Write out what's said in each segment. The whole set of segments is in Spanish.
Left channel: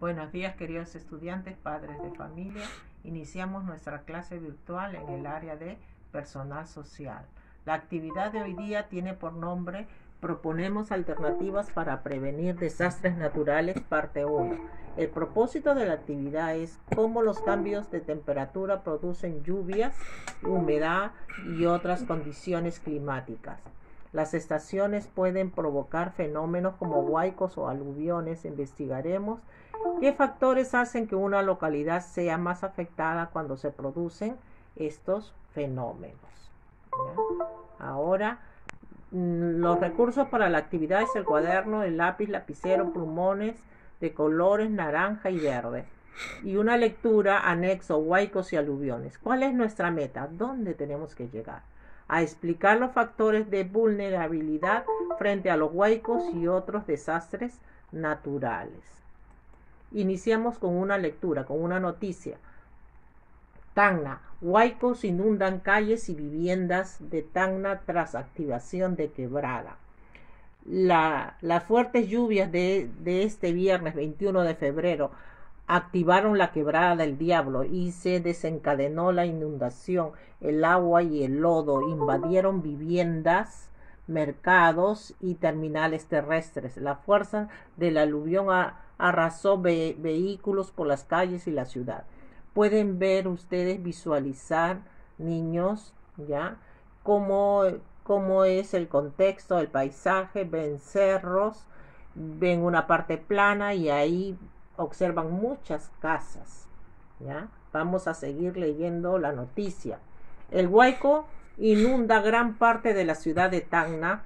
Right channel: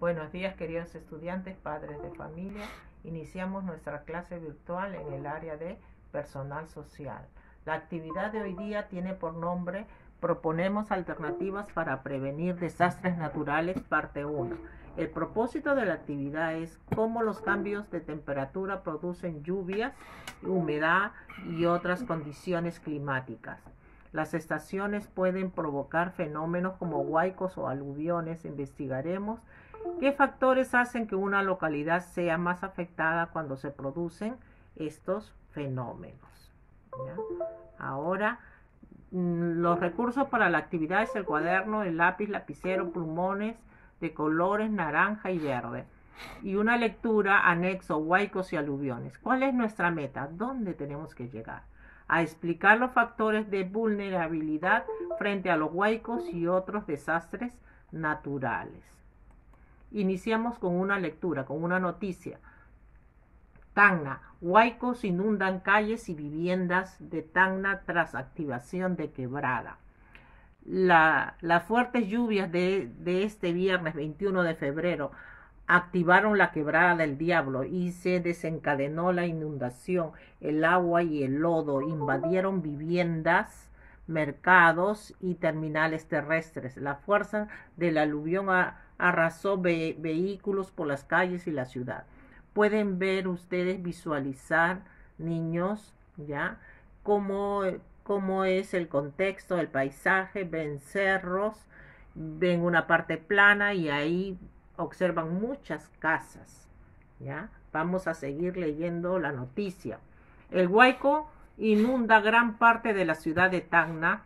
Buenos días, queridos estudiantes, padres de familia. Iniciamos nuestra clase virtual en el área de personal social. La actividad de hoy día tiene por nombre Proponemos alternativas para prevenir desastres naturales, parte 1. El propósito de la actividad es cómo los cambios de temperatura producen lluvias, humedad y otras condiciones climáticas. Las estaciones pueden provocar fenómenos como huaicos o aluviones. Investigaremos qué factores hacen que una localidad sea más afectada cuando se producen estos fenómenos. ¿Ya? Ahora, los recursos para la actividad es el cuaderno, el lápiz, lapicero, plumones de colores naranja y verde. Y una lectura, anexo, huaicos y aluviones. ¿Cuál es nuestra meta? ¿Dónde tenemos que llegar? A explicar los factores de vulnerabilidad frente a los huaicos y otros desastres naturales. Iniciamos con una lectura, con una noticia. Tacna, huaicos inundan calles y viviendas de Tacna tras activación de quebrada. Las fuertes lluvias de este viernes 21 de febrero activaron la quebrada del Diablo y se desencadenó la inundación. El agua y el lodo invadieron viviendas, mercados y terminales terrestres. La fuerza del aluvión arrasó vehículos por las calles y la ciudad. Pueden ver ustedes, visualizar, niños, ya cómo es el contexto, el paisaje. Ven cerros, ven una parte plana y ahí observan muchas casas. ¿Ya? Vamos a seguir leyendo la noticia. El huaico inunda gran parte de la ciudad de Tacna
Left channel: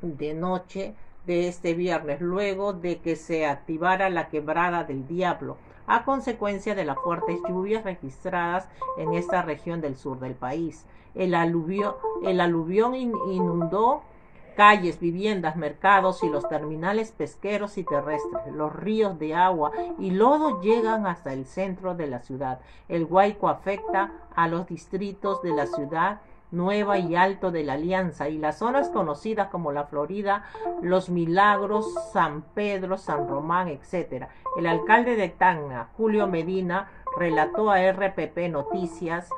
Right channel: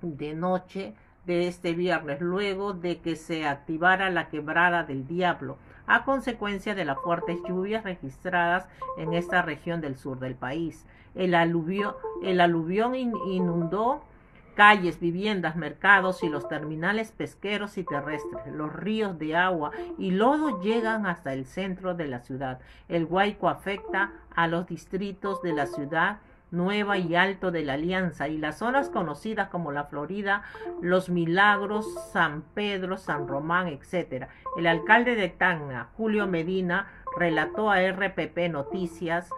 de noche de este viernes, luego de que se activara la quebrada del Diablo, a consecuencia de las fuertes lluvias registradas en esta región del sur del país. El aluvión inundó calles, viviendas, mercados y los terminales pesqueros y terrestres. Los ríos de agua y lodo llegan hasta el centro de la ciudad. El huaico afecta a los distritos de la ciudad Nueva y Alto de la Alianza y las zonas conocidas como La Florida, Los Milagros, San Pedro, San Román, etc. El alcalde de Tacna, Julio Medina, relató a RPP Noticias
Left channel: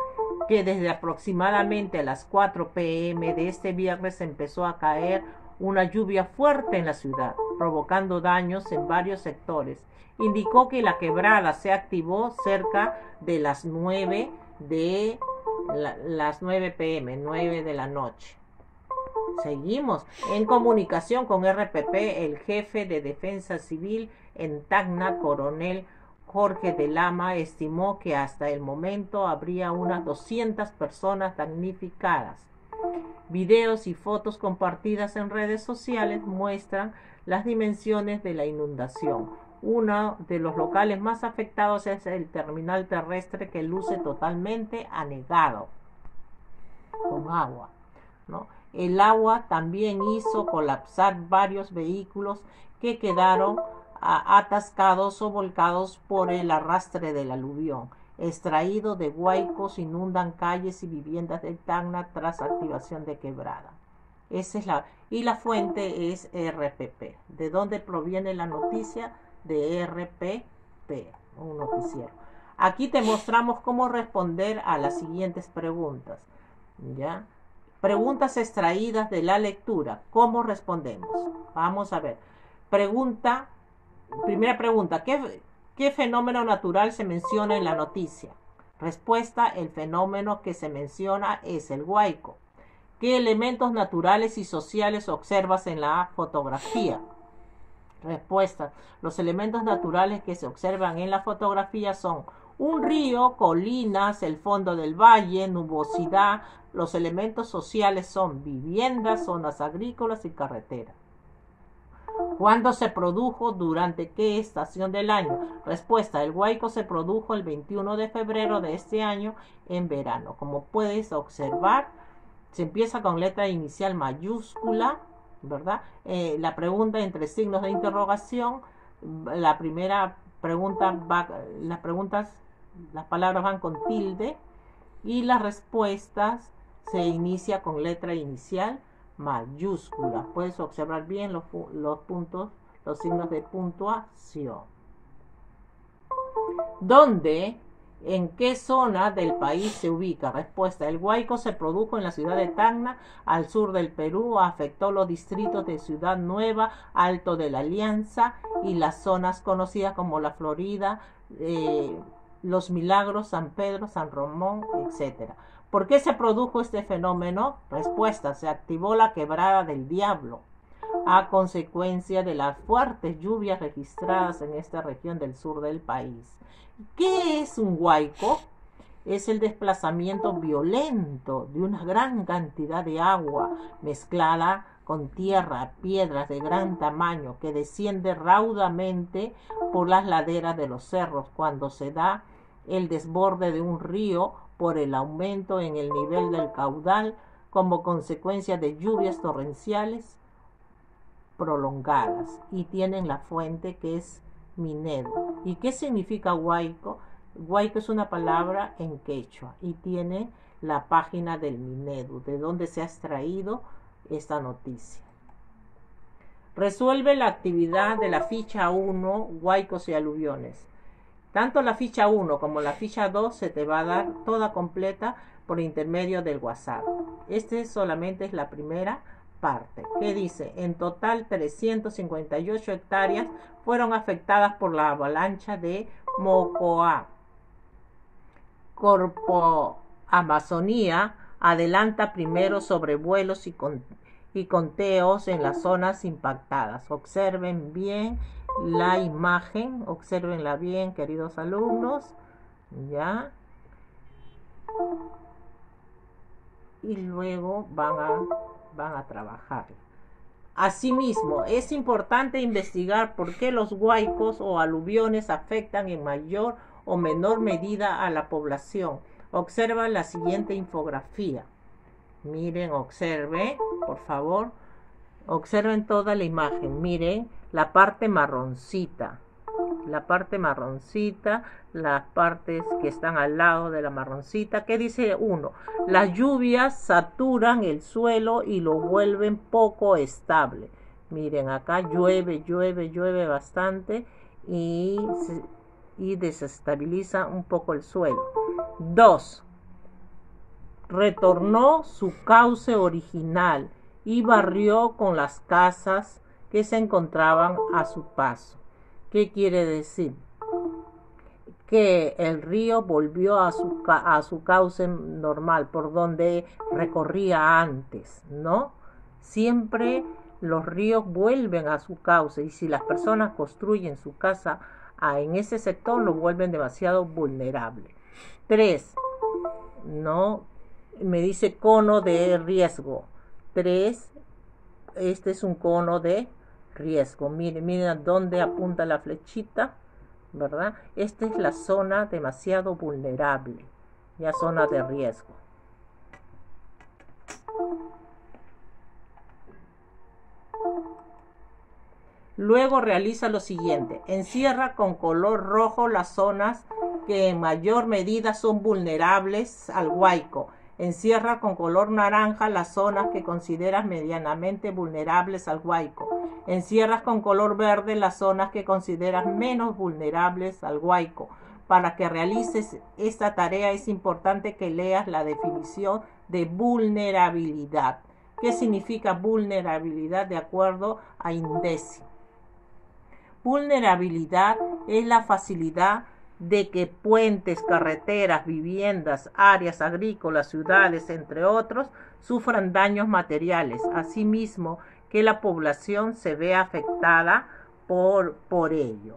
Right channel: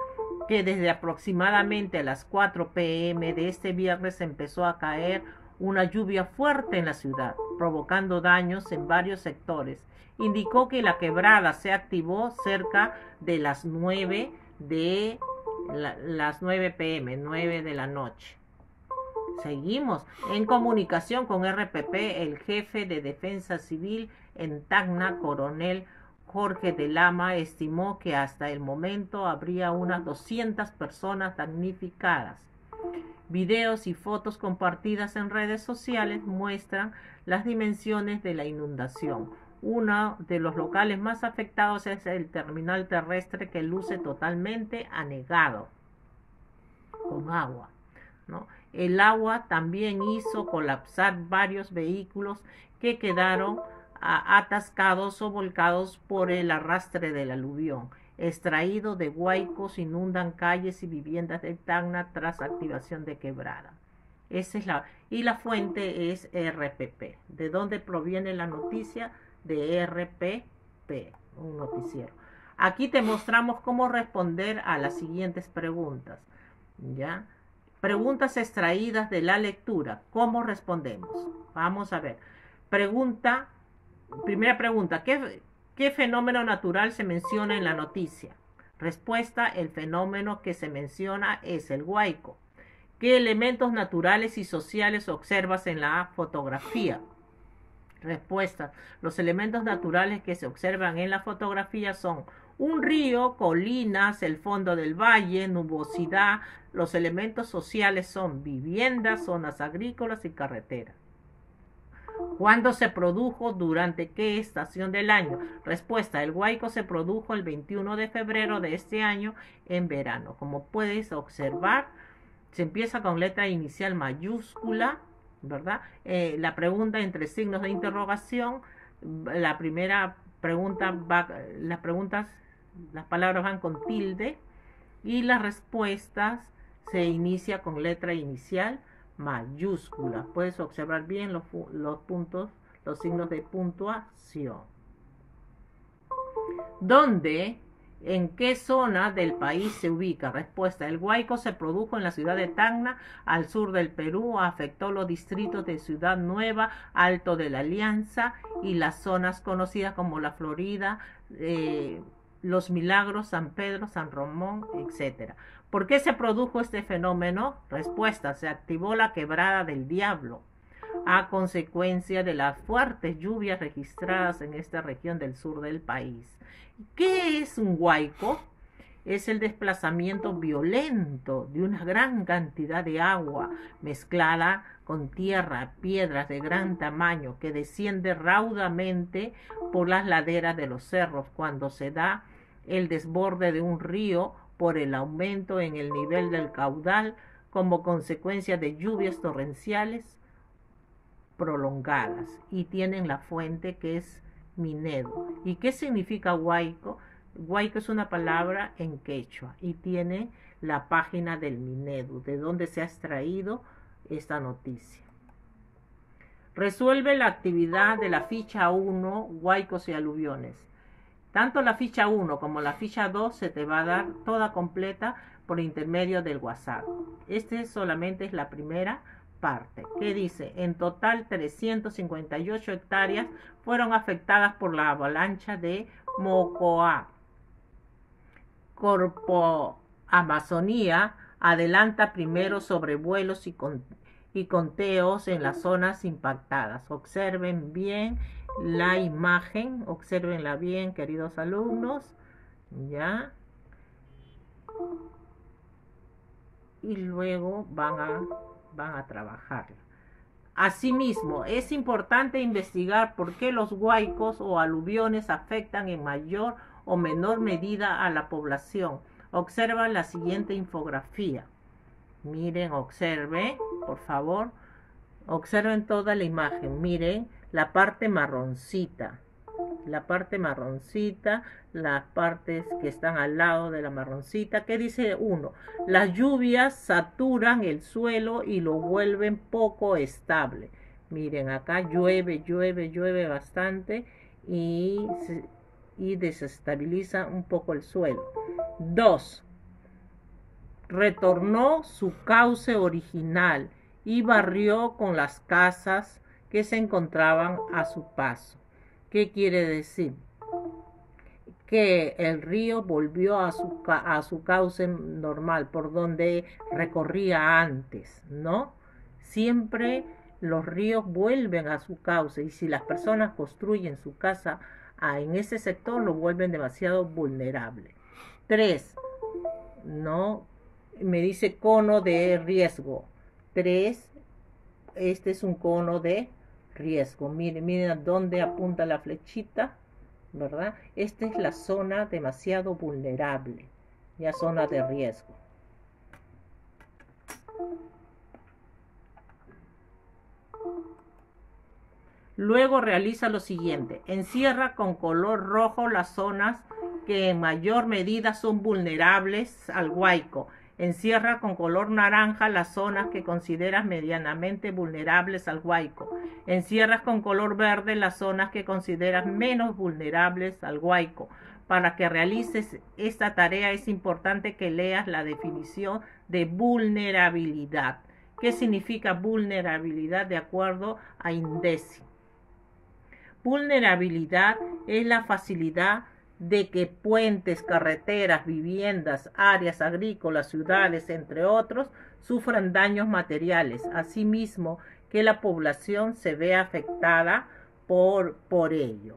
que desde aproximadamente a las 4 p.m. de este viernes empezó a caer una lluvia fuerte en la ciudad, provocando daños en varios sectores. Indicó que la quebrada se activó cerca de las 9 p.m., 9 de la noche. Seguimos en comunicación con RPP. El jefe de Defensa Civil en Tacna, coronel Jorge de Lama, estimó que hasta el momento habría unas 200 personas damnificadas. Videos y fotos compartidas en redes sociales muestran las dimensiones de la inundación. Uno de los locales más afectados es el terminal terrestre, que luce totalmente anegado con agua, ¿no? El agua también hizo colapsar varios vehículos que quedaron atascados o volcados por el arrastre del aluvión. Extraído de huaicos inundan calles y viviendas de Tacna tras activación de quebrada. Esa es la fuente es RPP. ¿De dónde proviene la noticia? De RPP, un noticiero. Aquí te mostramos cómo responder a las siguientes preguntas. ¿Ya? Preguntas extraídas de la lectura. ¿Cómo respondemos? Vamos a ver. Primera pregunta. ¿Qué fenómeno natural se menciona en la noticia? Respuesta: el fenómeno que se menciona es el huaico. ¿Qué elementos naturales y sociales observas en la fotografía? Respuesta: los elementos naturales que se observan en la fotografía son un río, colinas, el fondo del valle, nubosidad. Los elementos sociales son viviendas, zonas agrícolas y carreteras. ¿Cuándo se produjo? ¿Durante qué estación del año? Respuesta: el huaico se produjo el 21 de febrero de este año en verano. Como puedes observar, se empieza con letra inicial mayúscula, ¿verdad? La pregunta entre signos de interrogación. La primera pregunta las palabras van con tilde y las respuestas se inicia con letra inicial mayúscula. Puedes observar bien los puntos, los signos de puntuación. ¿Dónde? ¿En qué zona del país se ubica? Respuesta. El huaico se produjo en la ciudad de Tacna, al sur del Perú, afectó los distritos de Ciudad Nueva, Alto de la Alianza y las zonas conocidas como La Florida, Los Milagros, San Pedro, San Ramón, etc. ¿Por qué se produjo este fenómeno? Respuesta. Se activó la quebrada del Diablo a consecuencia de las fuertes lluvias registradas en esta región del sur del país. ¿Qué es un huaico? Es el desplazamiento violento de una gran cantidad de agua mezclada con tierra, piedras de gran tamaño que desciende raudamente por las laderas de los cerros cuando se da el desborde de un río por el aumento en el nivel del caudal como consecuencia de lluvias torrenciales prolongadas, y tienen la fuente que es Minedu. ¿Y qué significa huaico? Huaico es una palabra en quechua y tiene la página del Minedu, de donde se ha extraído esta noticia. Resuelve la actividad de la ficha 1, huaicos y aluviones. Tanto la ficha 1 como la ficha 2 se te va a dar toda completa por intermedio del WhatsApp. Este solamente es la primera parte, que dice: en total 358 hectáreas fueron afectadas por la avalancha de Mocoa. Corpo Amazonía adelanta primero sobrevuelos y conteos en las zonas impactadas. Observen bien la imagen, observenla bien, queridos alumnos, ¿ya? Y luego van a trabajar. Asimismo, es importante investigar por qué los huaicos o aluviones afectan en mayor o menor medida a la población. Observa la siguiente infografía. Miren, observen, por favor. Observen toda la imagen. Miren la parte marroncita. La parte marroncita, las partes que están al lado de la marroncita. ¿Qué dice uno? Las lluvias saturan el suelo y lo vuelven poco estable. Miren, acá llueve bastante y desestabiliza un poco el suelo. 2. Retornó su cauce original y barrió con las casas que se encontraban a su paso. ¿Qué quiere decir? Que el río volvió a su cauce normal, por donde recorría antes, ¿no? Siempre los ríos vuelven a su cauce, y si las personas construyen su casa en ese sector, lo vuelven demasiado vulnerable. 3. ¿No? Me dice cono de riesgo. 3. Este es un cono de riesgo. Miren a dónde apunta la flechita, ¿verdad? Esta es la zona demasiado vulnerable, ya zona de riesgo. Luego realiza lo siguiente: encierra con color rojo las zonas que en mayor medida son vulnerables al huaico. Encierra con color naranja las zonas que consideras medianamente vulnerables al huaico. Encierras con color verde las zonas que consideras menos vulnerables al huaico. Para que realices esta tarea es importante que leas la definición de vulnerabilidad. ¿Qué significa vulnerabilidad de acuerdo a INDECI? Vulnerabilidad es la facilidad de que puentes, carreteras, viviendas, áreas agrícolas, ciudades, entre otros, sufran daños materiales. Asimismo, que la población se vea afectada por ello.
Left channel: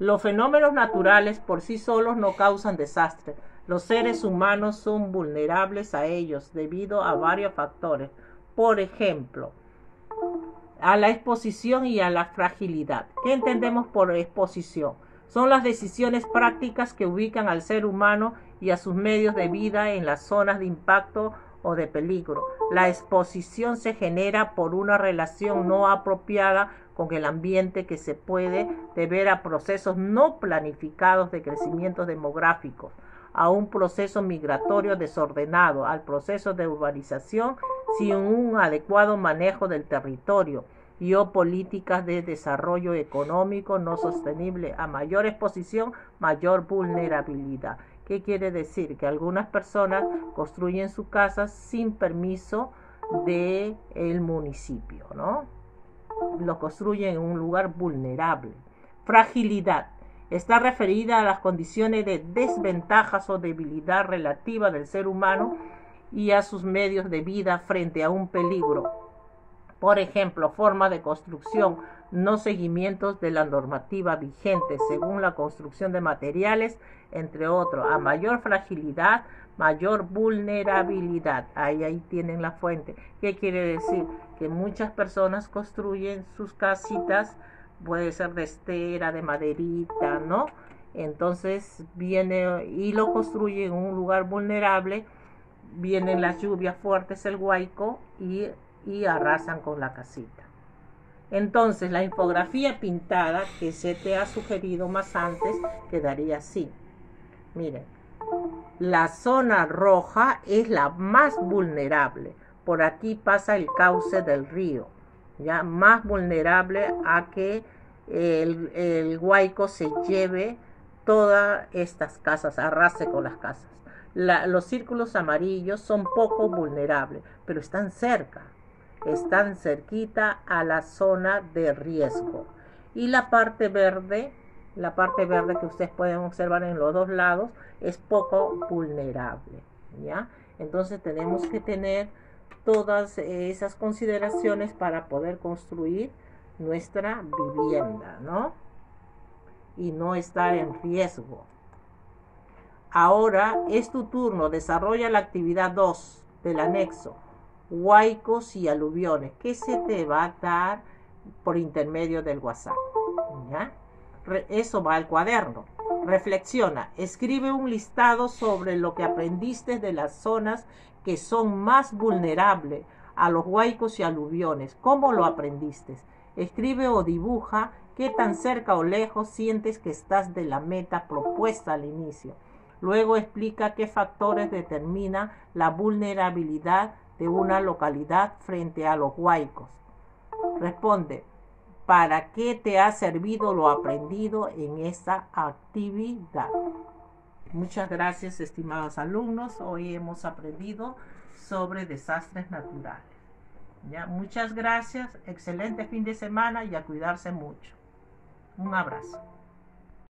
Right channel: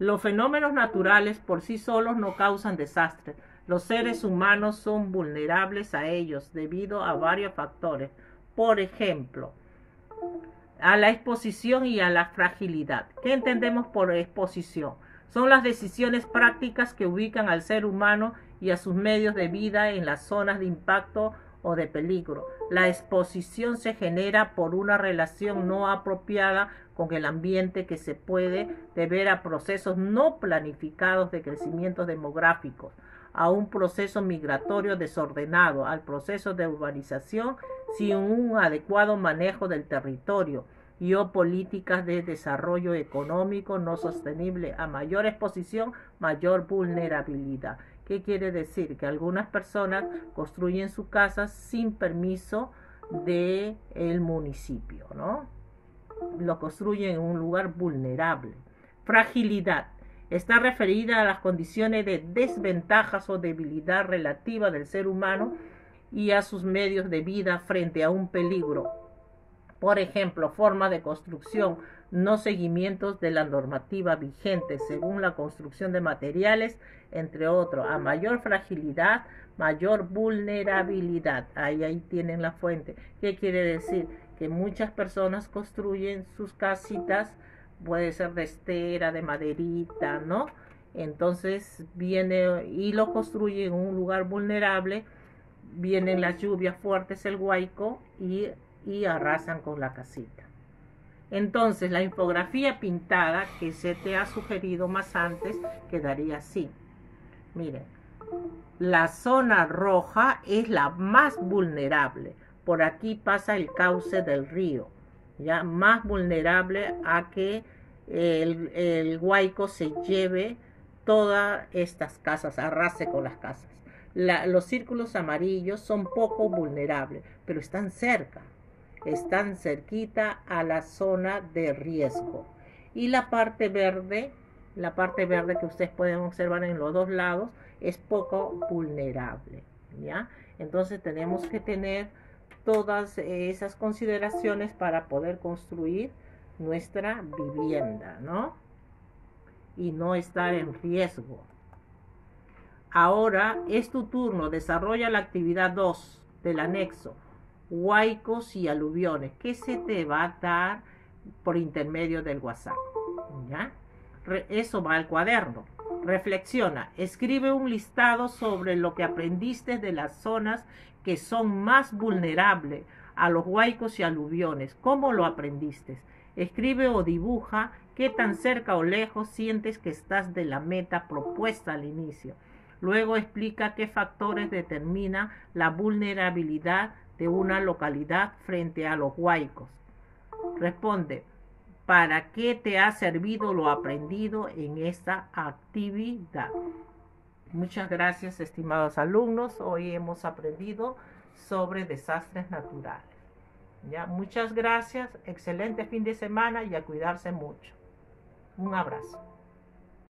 Los fenómenos naturales por sí solos no causan desastres. Los seres humanos son vulnerables a ellos debido a varios factores. Por ejemplo, a la exposición y a la fragilidad. ¿Qué entendemos por exposición? Son las decisiones prácticas que ubican al ser humano y a sus medios de vida en las zonas de impacto o de peligro. La exposición se genera por una relación no apropiada con el ambiente, que se puede deber a procesos no planificados de crecimiento demográfico, a un proceso migratorio desordenado, al proceso de urbanización sin un adecuado manejo del territorio, y o políticas de desarrollo económico no sostenible. A mayor exposición, mayor vulnerabilidad. ¿Qué quiere decir? Que algunas personas construyen sus casas sin permiso del municipio, ¿no? Lo construyen en un lugar vulnerable. Fragilidad. Está referida a las condiciones de desventajas o debilidad relativa del ser humano y a sus medios de vida frente a un peligro. Por ejemplo, forma de construcción, no seguimientos de la normativa vigente según la construcción de materiales, entre otros. A mayor fragilidad, mayor vulnerabilidad. Ahí tienen la fuente. ¿Qué quiere decir? Que muchas personas construyen sus casitas, puede ser de estera, de maderita, ¿no? Entonces viene y lo construye en un lugar vulnerable, vienen las lluvias fuertes, el huaico, y arrasan con la casita. Entonces la infografía pintada que se te ha sugerido más antes quedaría así. Miren, la zona roja es la más vulnerable. Por aquí pasa el cauce del río, ya más vulnerable a que el huaico se lleve todas estas casas, arrase con las casas. Los círculos amarillos son poco vulnerables, pero están cerca, están cerquita a la zona de riesgo. Y la parte verde que ustedes pueden observar en los dos lados, es poco vulnerable, ¿ya? Entonces tenemos que tener todas esas consideraciones para poder construir nuestra vivienda, ¿no? Y no estar en riesgo. Ahora es tu turno, desarrolla la actividad 2 del anexo, huaicos y aluviones, que se te va a dar por intermedio del WhatsApp, ¿ya? Eso va al cuaderno. Reflexiona, escribe un listado sobre lo que aprendiste de las zonas que son más vulnerables a los huaicos y aluviones. ¿Cómo lo aprendiste? Escribe o dibuja qué tan cerca o lejos sientes que estás de la meta propuesta al inicio. Luego explica qué factores determinan la vulnerabilidad de una localidad frente a los huaicos. Responde, ¿para qué te ha servido lo aprendido en esta actividad? Muchas gracias, estimados alumnos. Hoy hemos aprendido sobre desastres naturales. ¿Ya? Muchas gracias, excelente fin de semana y a cuidarse mucho. Un abrazo.